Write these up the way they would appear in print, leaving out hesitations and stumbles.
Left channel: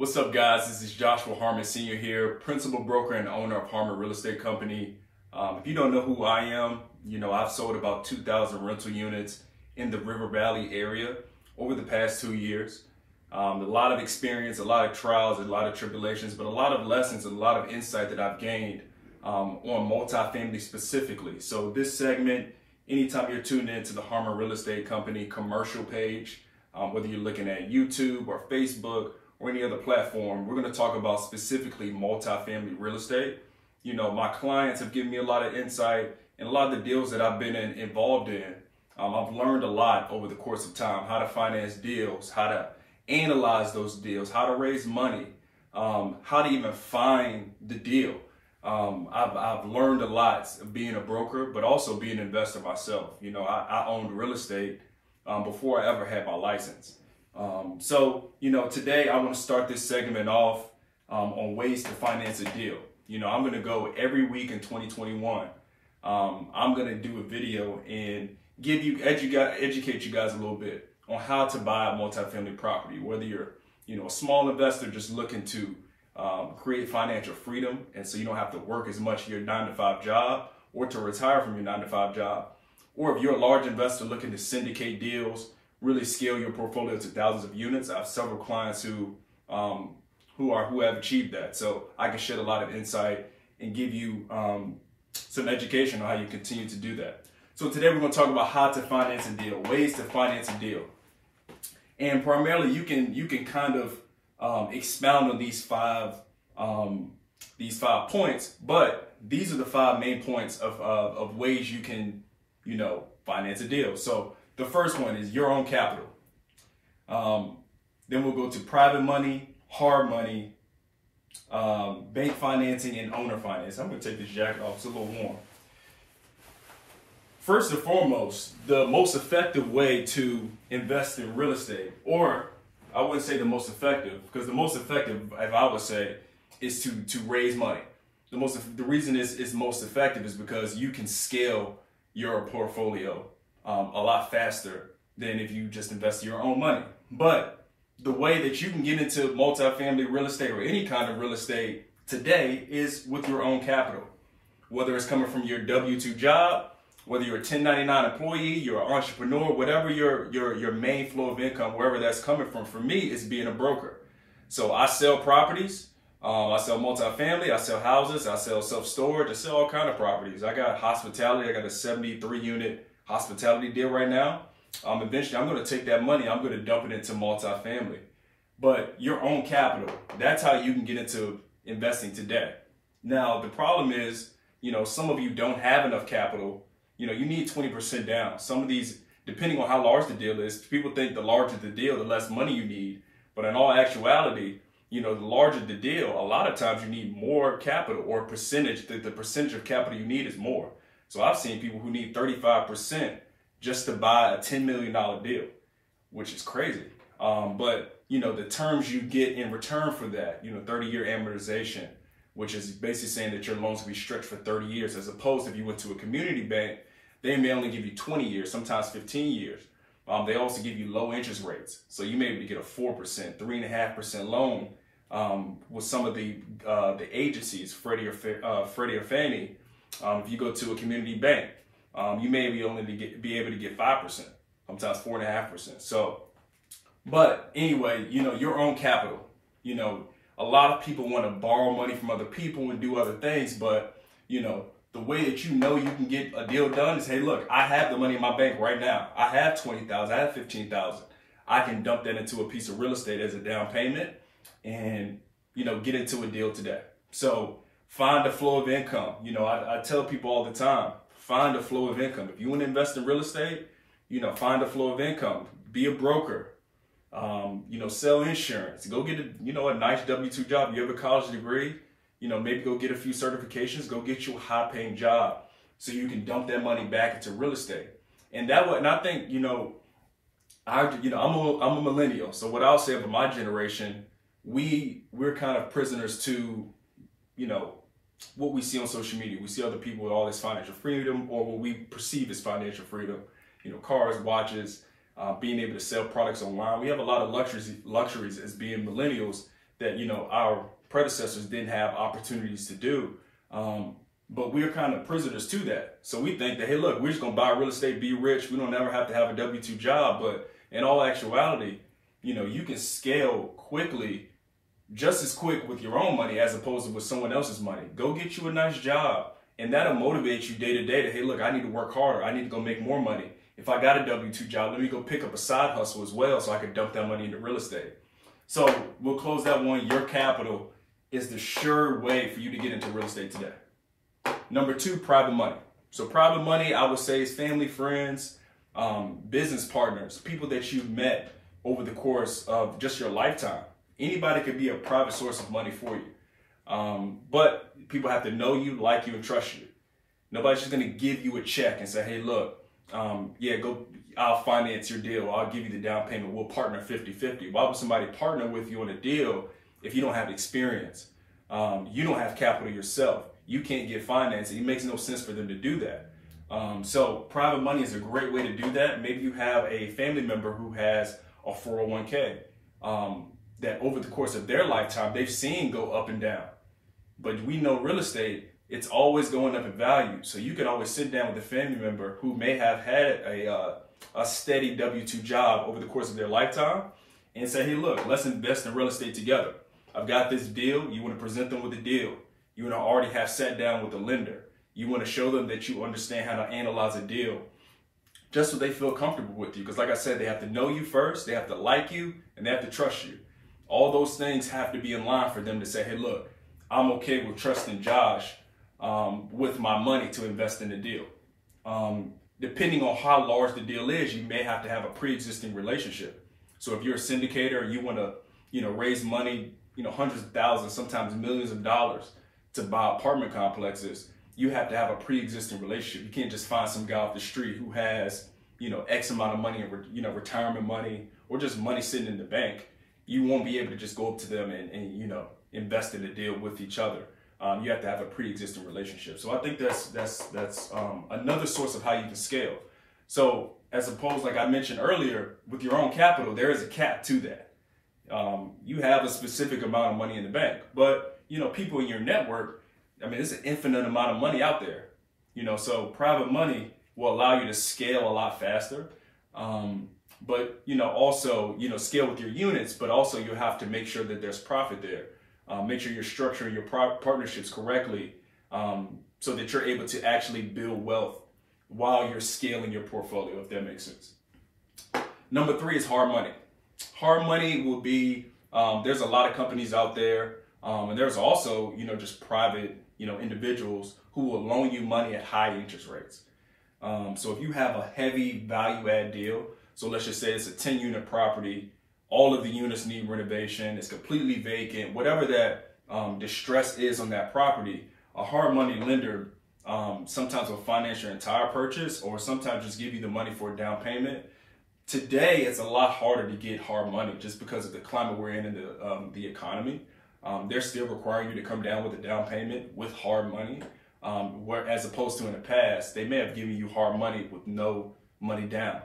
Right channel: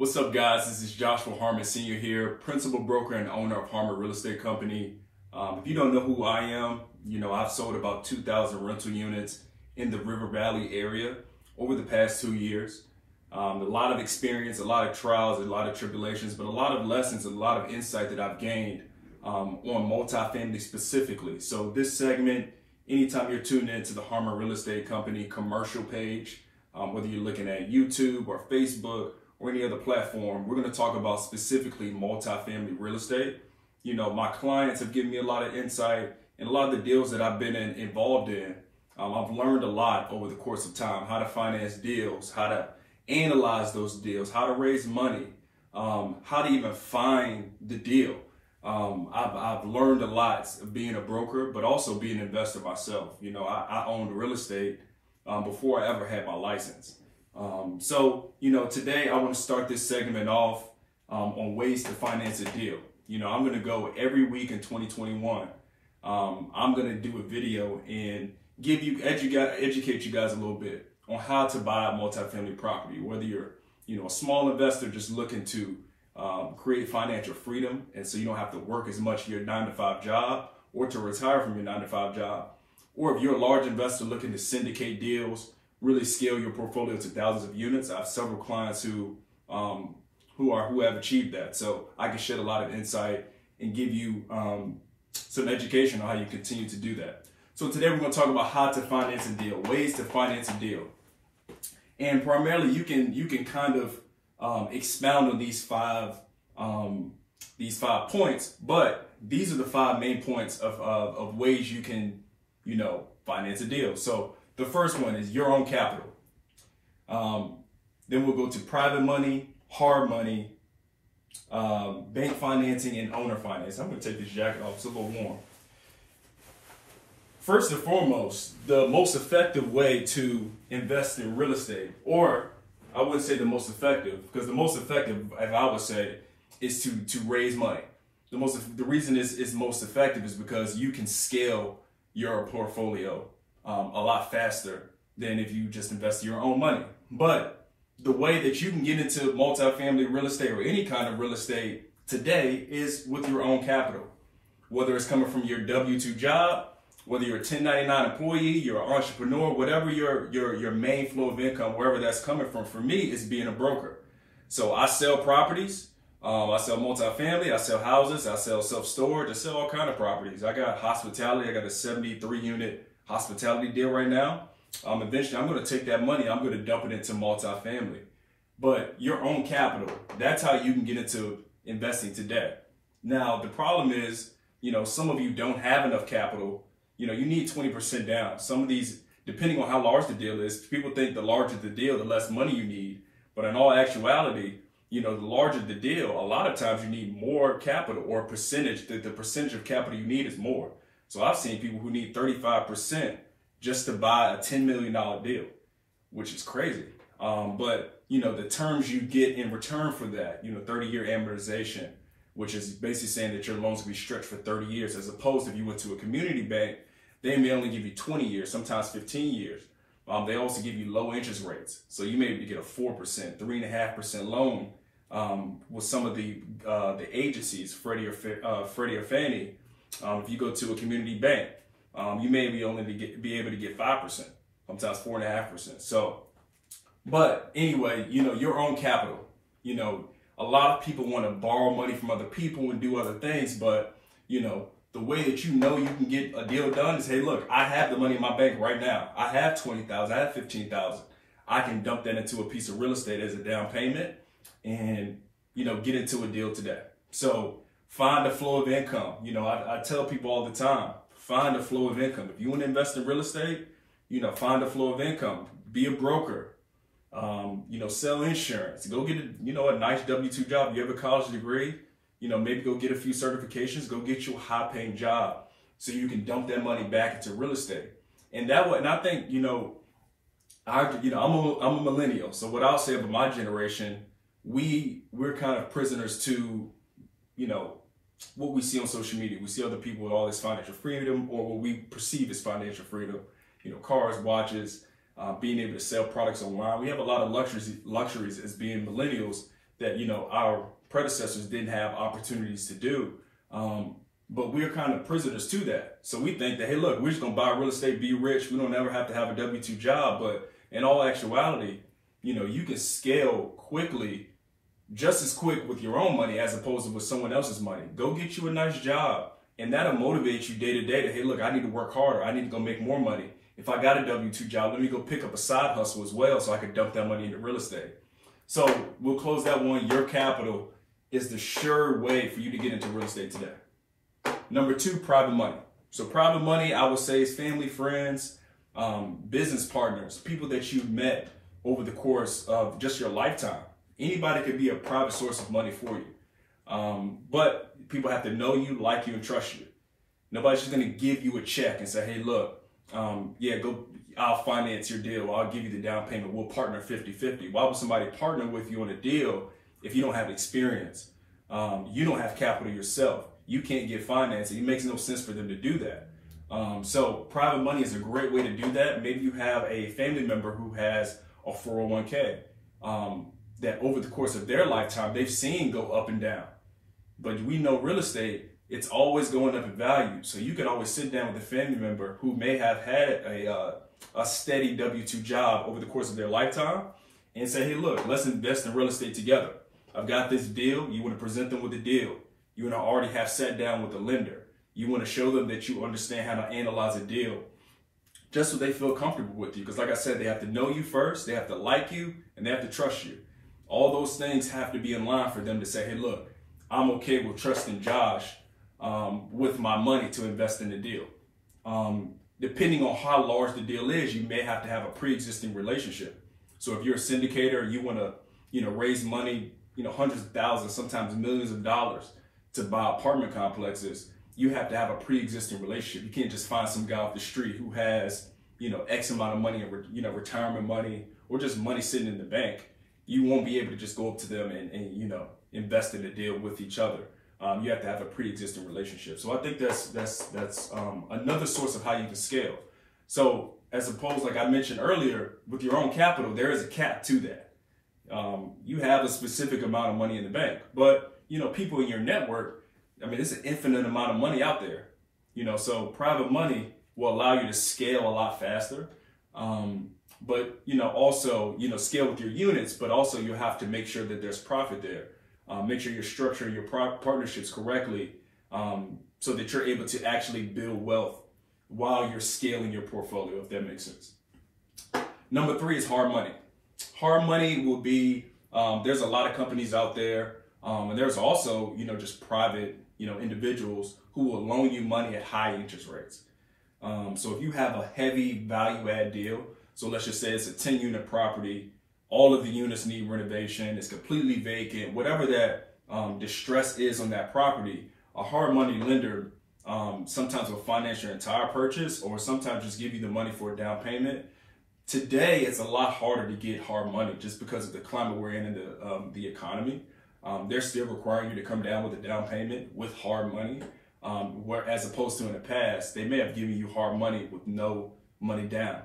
What's up, guys? This is Joshua Harmon Sr. here, principal broker and owner of Harmon Real Estate Company. If you don't know who I am, I've sold about 2,000 rental units in the River Valley area over the past 2 years. A lot of experience, a lot of trials, a lot of tribulations, but a lot of lessons, a lot of insight that I've gained on multifamily specifically. So this segment, anytime you're tuning into the Harmon Real Estate Company commercial page, whether you're looking at YouTube or Facebook or any other platform, we're going to talk about specifically multifamily real estate. My clients have given me a lot of insight, and a lot of the deals that I've been involved in, I've learned a lot over the course of time, how to finance deals, how to analyze those deals, how to raise money, how to even find the deal. I've learned a lot of being a broker, but also being an investor myself. I owned real estate before I ever had my license. Today I want to start this segment off on ways to finance a deal. I'm going to go every week in 2021. I'm going to do a video and educate you guys a little bit on how to buy a multifamily property, whether you're a small investor just looking to create financial freedom, and so you don't have to work as much your 9-to-5 job or to retire from your 9-to-5 job, or if you're a large investor looking to syndicate deals, really scale your portfolio to thousands of units. I have several clients who have achieved that. So I can shed a lot of insight and give you some education on how you continue to do that. So today we're going to talk about how to finance a deal, ways to finance a deal. And primarily you can kind of expound on these five points, but these are the 5 main points of ways you can, finance a deal. So the first one is your own capital. Then we'll go to private money, hard money, bank financing, and owner finance. I'm going to take this jacket off. It's a little warm. First and foremost, the most effective way to invest in real estate, or I wouldn't say the most effective, because the most effective, if I would say, is to raise money. The reason it's most effective is because you can scale your portfolio a lot faster than if you just invest your own money. But the way that you can get into multifamily real estate or any kind of real estate today is with your own capital. Whether it's coming from your W-2 job, whether you're a 1099 employee, you're an entrepreneur, whatever your main flow of income, wherever that's coming from, for me, is being a broker. So I sell properties, I sell multifamily, I sell houses, I sell self-storage, I sell all kind of properties. I got hospitality, I got a 73-unit hospitality deal right now. Eventually I'm going to take that money, I'm going to dump it into multifamily. But your own capital, that's how you can get into investing today. Now, the problem is, some of you don't have enough capital. You need 20% down. Some of these, depending on how large the deal is, people think the larger the deal, the less money you need. But in all actuality, the larger the deal, a lot of times you need more capital, or a percentage. The percentage of capital you need is more. So I've seen people who need 35% just to buy a $10 million deal, which is crazy. But the terms you get in return for that, 30-year amortization, which is basically saying that your loans will be stretched for 30 years, as opposed to if you went to a community bank, they may only give you 20 years, sometimes 15 years. They also give you low interest rates. So you may be get a 4%, 3.5% loan with some of the agencies, Freddie or Fannie. If you go to a community bank, you may be only be able to get 5%, sometimes 4.5%. So, but anyway, your own capital. A lot of people want to borrow money from other people and do other things, but the way that you can get a deal done is, hey, look, I have the money in my bank right now. I have $20,000, I have $15,000. I can dump that into a piece of real estate as a down payment and, get into a deal today. So find a flow of income. I tell people all the time, find a flow of income. If you want to invest in real estate, find a flow of income. Be a broker. Sell insurance. Go get a nice W-2 job. You have a college degree. Maybe go get a few certifications, go get you a high-paying job so you can dump that money back into real estate. And I think, I'm a millennial. So what I'll say about my generation, we're kind of prisoners to, what we see on social media. We see other people with all this financial freedom, or what we perceive as financial freedom, cars, watches, being able to sell products online. We have a lot of luxuries as being millennials that, our predecessors didn't have opportunities to do. But we're kind of prisoners to that. So we think that, hey, look, we're just going to buy real estate, be rich. We don't ever have to have a W-2 job. But in all actuality, you can scale quickly, just as quick with your own money as opposed to with someone else's money. Go get you a nice job, and that'll motivate you day to day that, hey, look, I need to work harder. I need to go make more money. If I got a W-2 job, let me go pick up a side hustle as well so I could dump that money into real estate. So we'll close that one. Your capital is the sure way for you to get into real estate today. Number 2, private money. So private money, I would say, is family, friends, business partners, people that you've met over the course of just your lifetime. Anybody could be a private source of money for you. But people have to know you, like you, and trust you. Nobody's just going to give you a check and say, hey, look, I'll finance your deal. I'll give you the down payment. We'll partner 50-50. Why would somebody partner with you on a deal if you don't have experience? You don't have capital yourself. You can't get financing. It makes no sense for them to do that. So private money is a great way to do that. Maybe you have a family member who has a 401k that over the course of their lifetime, they've seen go up and down. But we know real estate, it's always going up in value. So you can always sit down with a family member who may have had a steady W-2 job over the course of their lifetime and say, hey, look, let's invest in real estate together. I've got this deal. You want to present them with a deal. You want to already have sat down with the lender. You want to show them that you understand how to analyze a deal just so they feel comfortable with you. Because like I said, they have to know you first, they have to like you, and they have to trust you. All those things have to be in line for them to say, hey, look, I'm okay with trusting Josh with my money to invest in the deal. Depending on how large the deal is, you may have to have a pre-existing relationship. So if you're a syndicator, you want to, raise money, hundreds of thousands, sometimes millions of dollars to buy apartment complexes, you have to have a pre-existing relationship. You can't just find some guy off the street who has, X amount of money, retirement money, or just money sitting in the bank. You won't be able to just go up to them and invest in a deal with each other. You have to have a pre-existing relationship. So I think that's another source of how you can scale. So as opposed, like I mentioned earlier, with your own capital, there is a cap to that. You have a specific amount of money in the bank, but people in your network, it's an infinite amount of money out there. So private money will allow you to scale a lot faster. But also, scale with your units, but also you have to make sure that there's profit there. Make sure you're structuring your partnerships correctly so that you're able to actually build wealth while you're scaling your portfolio, if that makes sense. Number 3 is hard money. Hard money will be, there's a lot of companies out there, and there's also, just private, individuals who will loan you money at high interest rates. So if you have a heavy value add deal, so let's just say it's a 10-unit property, all of the units need renovation, it's completely vacant, whatever that distress is on that property, a hard money lender sometimes will finance your entire purchase or sometimes just give you the money for a down payment. Today, it's a lot harder to get hard money just because of the climate we're in the economy. They're still requiring you to come down with a down payment with hard money, where as opposed to in the past, they may have given you hard money with no money down.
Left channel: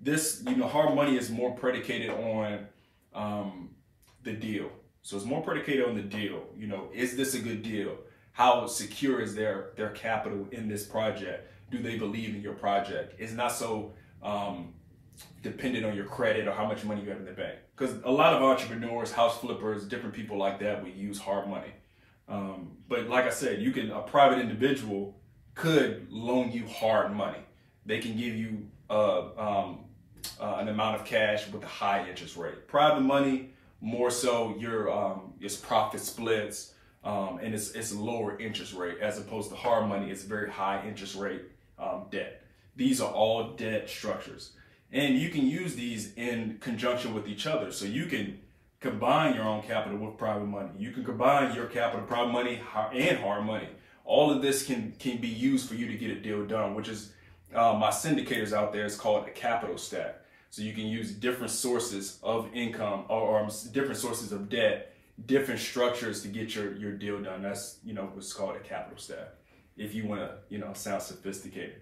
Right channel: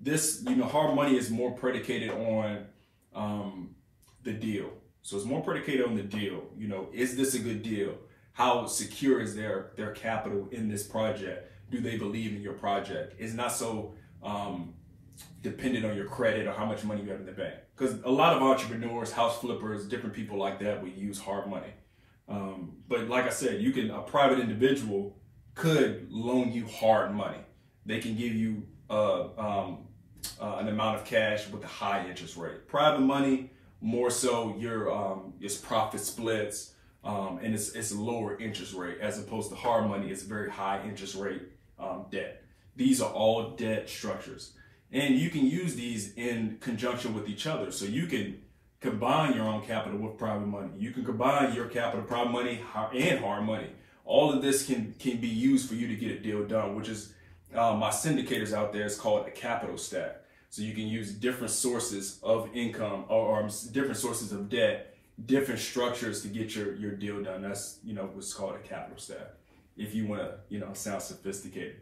This, hard money is more predicated on the deal. So it's more predicated on the deal. Is this a good deal? How secure is their capital in this project? Do they believe in your project? It's not so dependent on your credit or how much money you have in the bank. Because a lot of entrepreneurs, house flippers, different people like that will use hard money. But like I said, a private individual could loan you hard money. They can give you an amount of cash with a high interest rate. Private money, more so it's profit splits and it's a lower interest rate as opposed to hard money. It's very high interest rate debt. These are all debt structures. And you can use these in conjunction with each other. So you can combine your own capital with private money. You can combine your capital, private money, and hard money. All of this can be used for you to get a deal done, which is my syndicators out there is called a capital stack. So you can use different sources of income or different sources of debt, different structures to get your deal done. That's, what's called a capital stack, if you want to, sound sophisticated.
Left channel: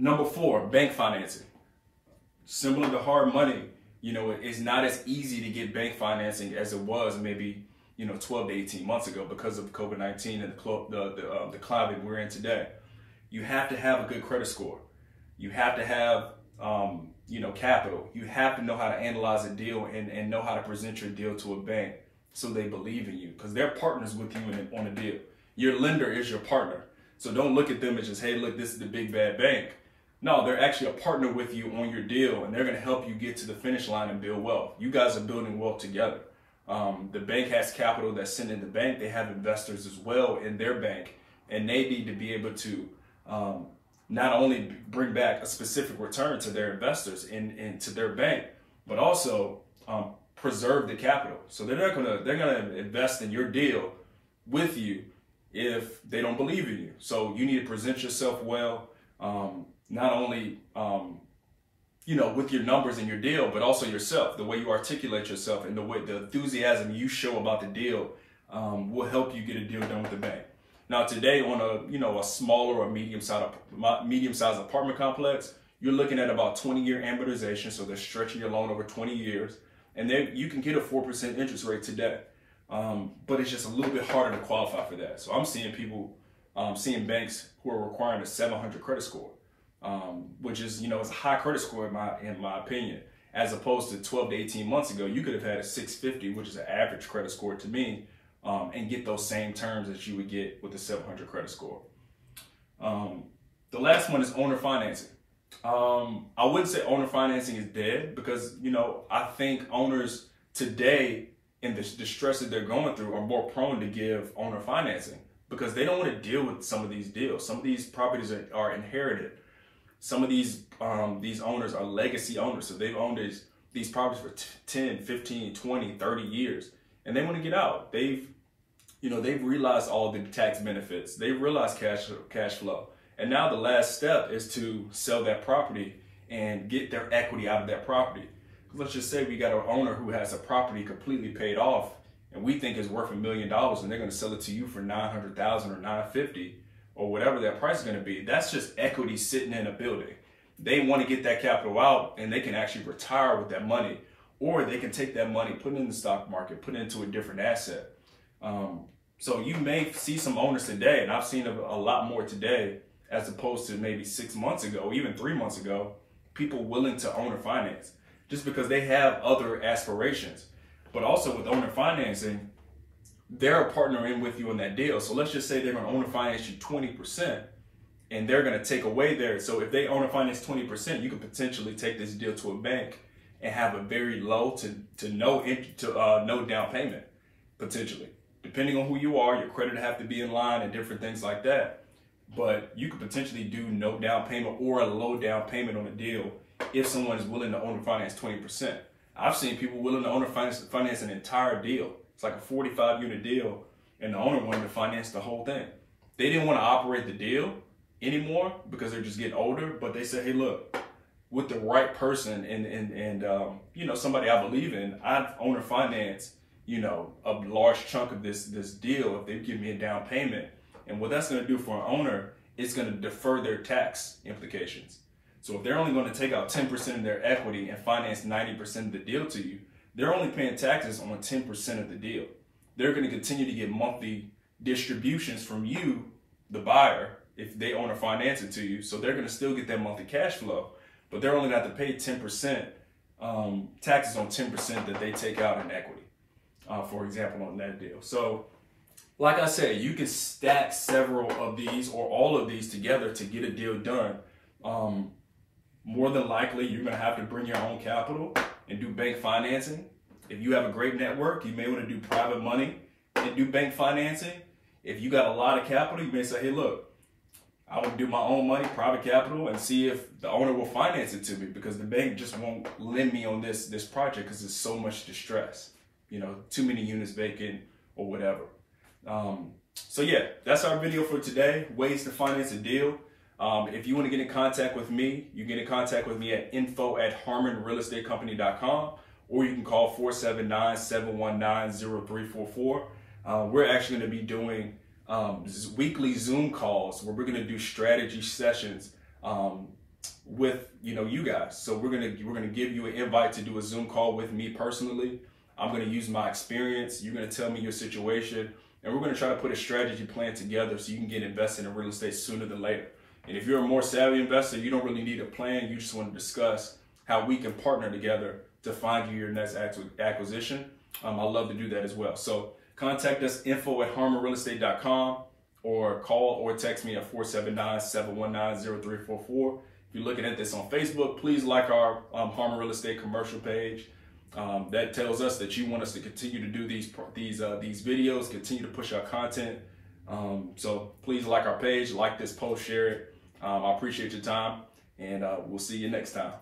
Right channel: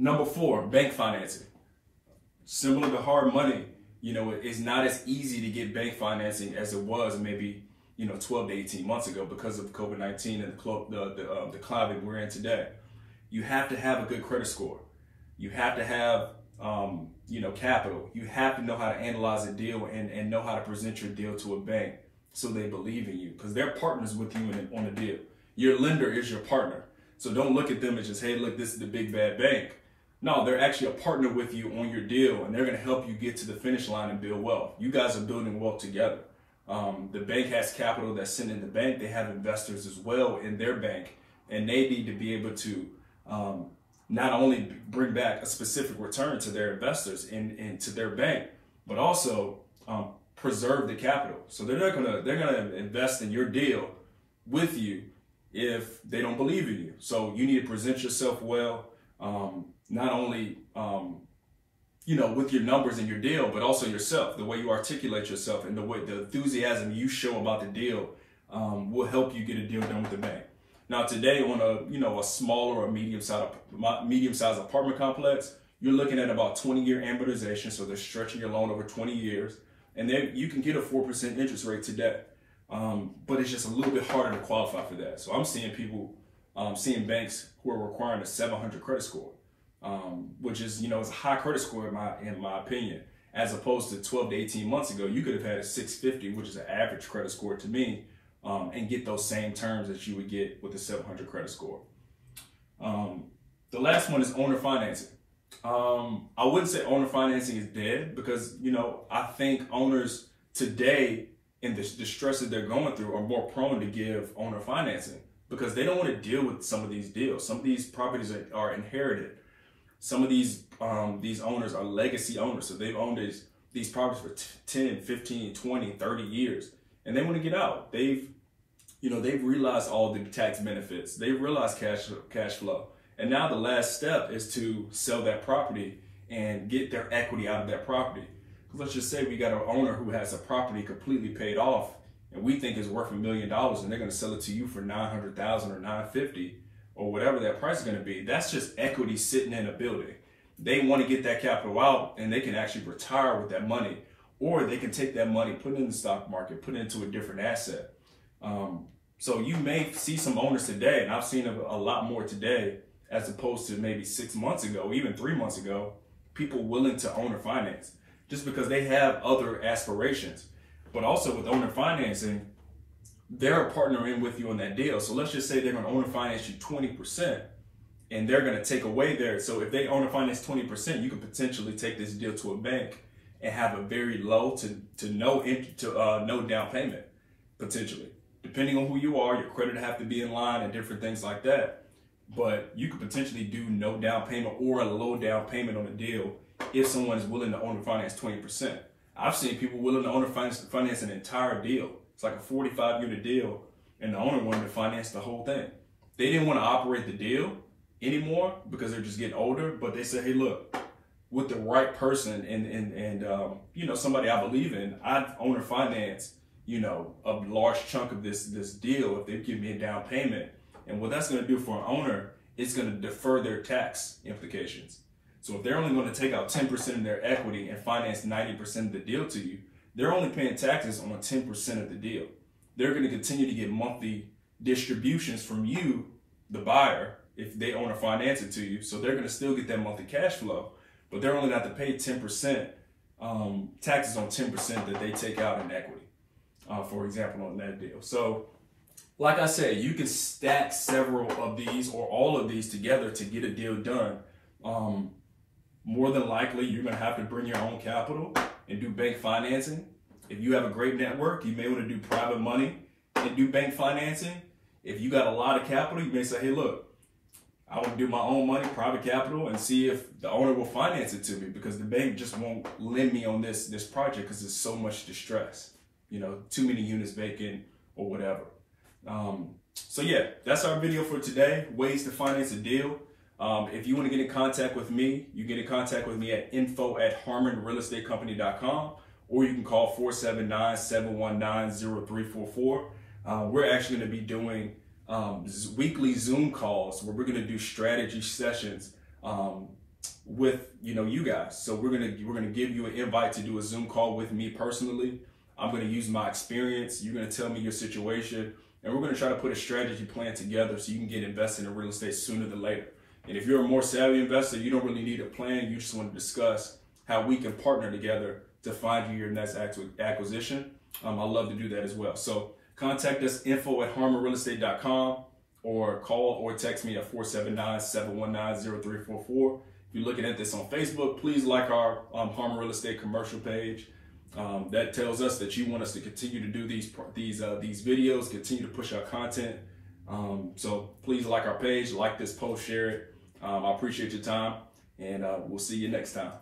Number 4, bank financing. Similar to hard money, You know, it's not as easy to get bank financing as it was maybe, 12 to 18 months ago because of COVID-19 and the climate we're in today. You have to have a good credit score. You have to have, capital. You have to know how to analyze a deal and know how to present your deal to a bank so they believe in you, because they're partners with you on a deal. Your lender is your partner. So don't look at them as just, hey, look, this is the big bad bank. No, they're actually a partner with you on your deal, and they're going to help you get to the finish line and build wealth. You guys are building wealth together. The bank has capital that's sitting in the bank. They have investors as well in their bank, and they need to be able to not only bring back a specific return to their investors and to their bank, but also preserve the capital. So they're gonna invest in your deal with you if they don't believe in you. So you need to present yourself well. Not only, with your numbers in your deal, but also yourself, the way you articulate yourself and the enthusiasm you show about the deal will help you get a deal done with the bank. Now today on a smaller or medium-sized apartment complex, you're looking at about 20-year amortization. So they're stretching your loan over 20 years, and then you can get a 4% interest rate today. But it's just a little bit harder to qualify for that. So I'm seeing seeing banks who are requiring a 700 credit score. Which is, is a high credit score in my opinion, as opposed to 12 to 18 months ago. You could have had a 650, which is an average credit score to me, and get those same terms that you would get with a 700 credit score. The last one is owner financing. I wouldn't say owner financing is dead, because, I think owners today, in the stress that they're going through, are more prone to give owner financing because they don't want to deal with some of these deals. Some of these properties are inherited. Some of these owners are legacy owners. So they've owned these properties for 10, 15, 20, 30 years, and they want to get out. They've realized all the tax benefits. They've realized cash flow. And now the last step is to sell that property and get their equity out of that property. Let's just say we got an owner who has a property completely paid off, and we think is worth $1 million, and they're going to sell it to you for $900,000 or $950,000. Or whatever that price is going to be. That's just equity sitting in a building. They want to get that capital out, and they can actually retire with that money, or they can take that money, put it in the stock market, put it into a different asset. So you may see some owners today, and I've seen a lot more today as opposed to maybe 6 months ago, even 3 months ago, people willing to owner finance just because they have other aspirations. But also with owner financing, they're a partner in with you on that deal. So let's just say they're going to owner finance you 20%, and they're going to take away there. So if they owner finance 20%, you could potentially take this deal to a bank and have a very low to no down payment, potentially. Depending on who you are, your credit have to be in line and different things like that. But you could potentially do no down payment or a low down payment on a deal if someone is willing to owner finance 20%. I've seen people willing to owner finance an entire deal. It's like a 45-unit deal, and the owner wanted to finance the whole thing. They didn't want to operate the deal anymore because they're just getting older, but they said, hey, look, with the right person and somebody I believe in, I'd owner finance, a large chunk of this deal if they give me a down payment. And what that's going to do for an owner, it's going to defer their tax implications. So if they're only going to take out 10% of their equity and finance 90% of the deal to you, they're only paying taxes on 10% of the deal. They're going to continue to get monthly distributions from you, the buyer, if they owner finance it to you. So they're going to still get that monthly cash flow, but they're only going to have to pay 10% taxes on 10% that they take out in equity, for example, on that deal. So like I said, you can stack several of these or all of these together to get a deal done. More than likely, you're going to have to bring your own capital and do bank financing. If you have a great network, you may want to do private money and do bank financing. If you got a lot of capital, you may say, hey, look, I want to do my own money, private capital, and see if the owner will finance it to me, because the bank just won't lend me on this project because there's so much distress, too many units vacant or whatever. So yeah, that's our video for today, ways to finance a deal. If you want to get in contact with me, you get in contact with me at info@harmonrealestatecompany.com, or you can call 479-719-0344. We're actually going to be doing weekly Zoom calls where we're going to do strategy sessions with you guys. So we're gonna give you an invite to do a Zoom call with me personally. I'm gonna use my experience. You're gonna tell me your situation, and we're gonna try to put a strategy plan together so you can get invested in real estate sooner than later. And if you're a more savvy investor, you don't really need a plan. You just want to discuss how we can partner together to find you your next acquisition. I'd love to do that as well. So contact us, info@harmonrealestate.com, or call or text me at 479-719-0344. If you're looking at this on Facebook, please like our Harmon Real Estate commercial page. That tells us that you want us to continue to do these videos, continue to push our content. So please like our page, like this post, share it. I appreciate your time, and we'll see you next time.